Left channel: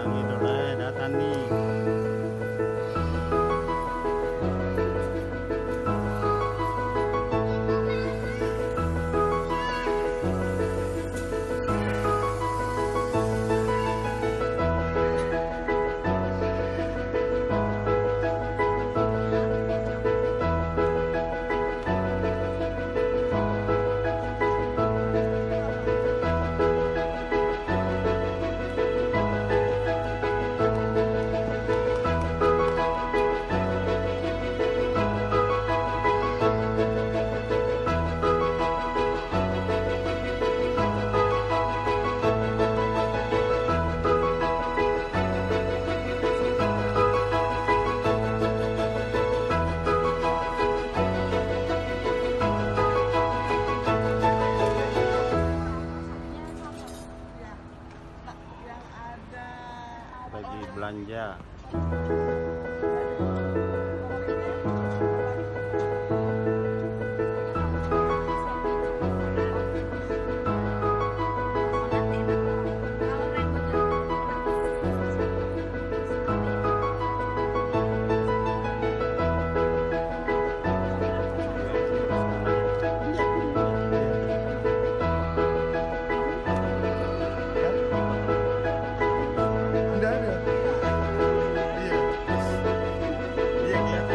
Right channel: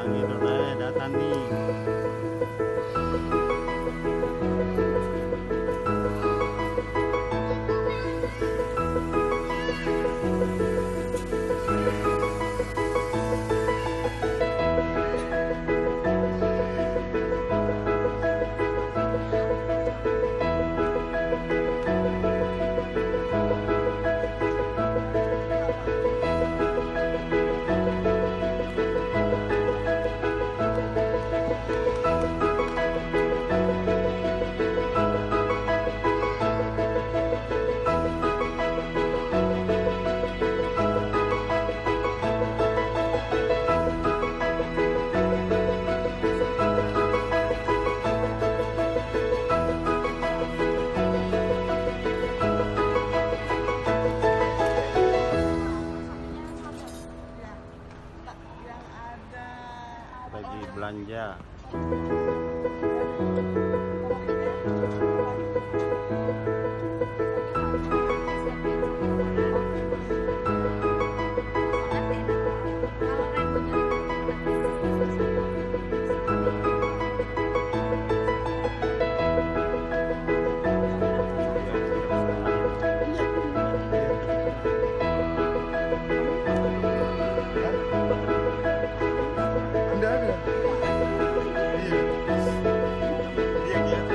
Sang idola datang nih. Lagi belanja. Tidak ada. Iya. Iya Kiat.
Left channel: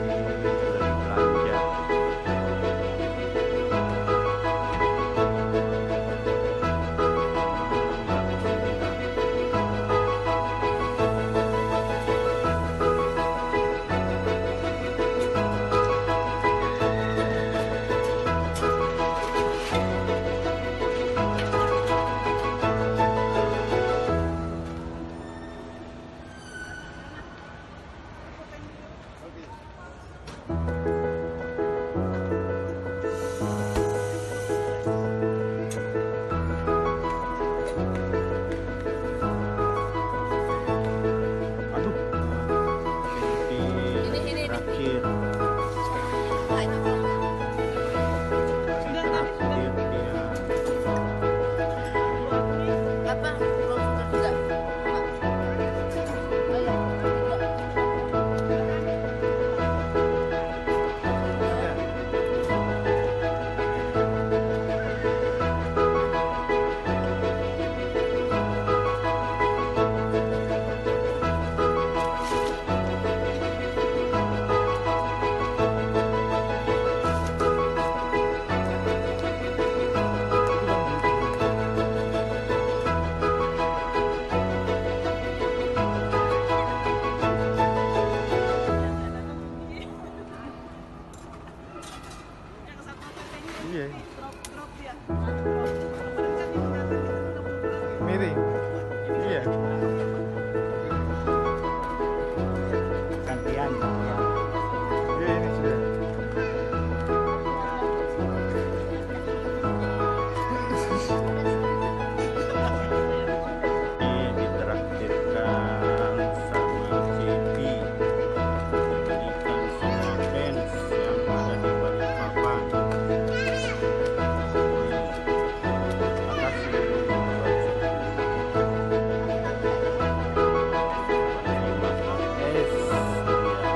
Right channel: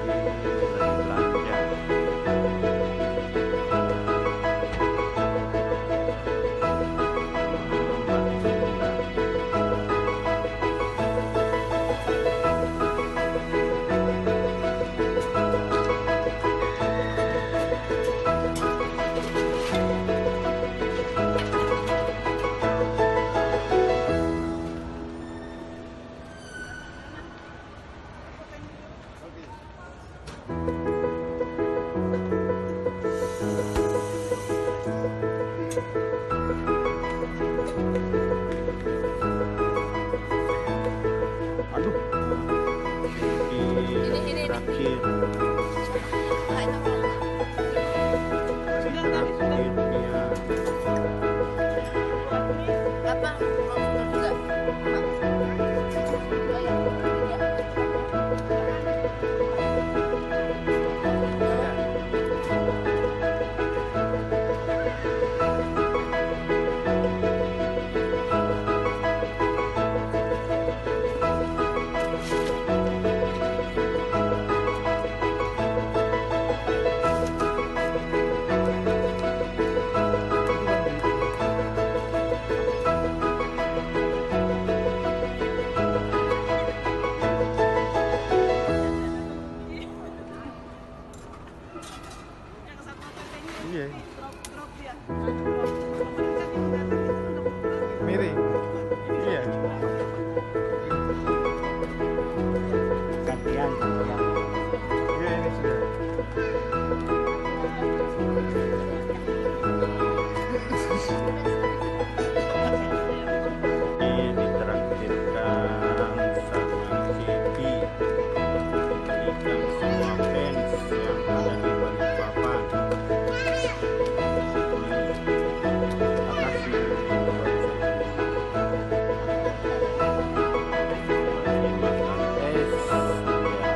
Kiki lagi belanja. Sama Mbak Tunda. Aduh, ini terakhir. Terakhir dia. Apa? Belum sudah juga. Pak. Oh ya, tiga. Iya. Miring. Iya. Gantian. Iya ini sudah. Ini ditraktirkan sama Cepi, diberikan semua fans yang ada di Balikpapan. Makasih buat Cepi. Lagi makan es dia.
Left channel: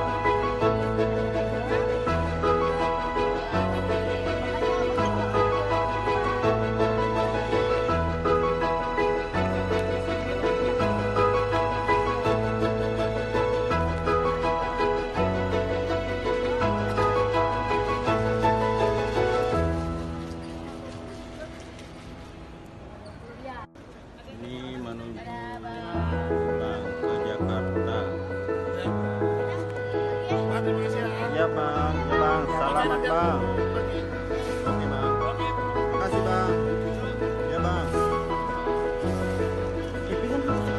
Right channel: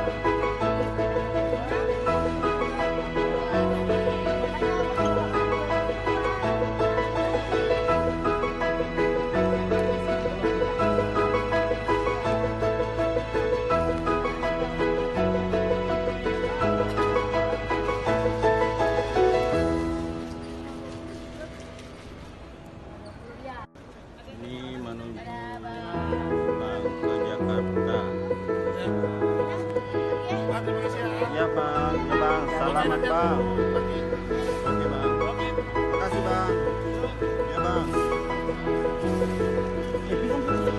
Ini menuju pulang ke Jakarta. Ya bang, ya bang, selamat bang. Oke bang, makasih bang. Ya bang. Pinjam dulu.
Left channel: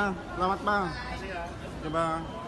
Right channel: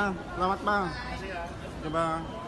bang. Selamat bang. Ya bang.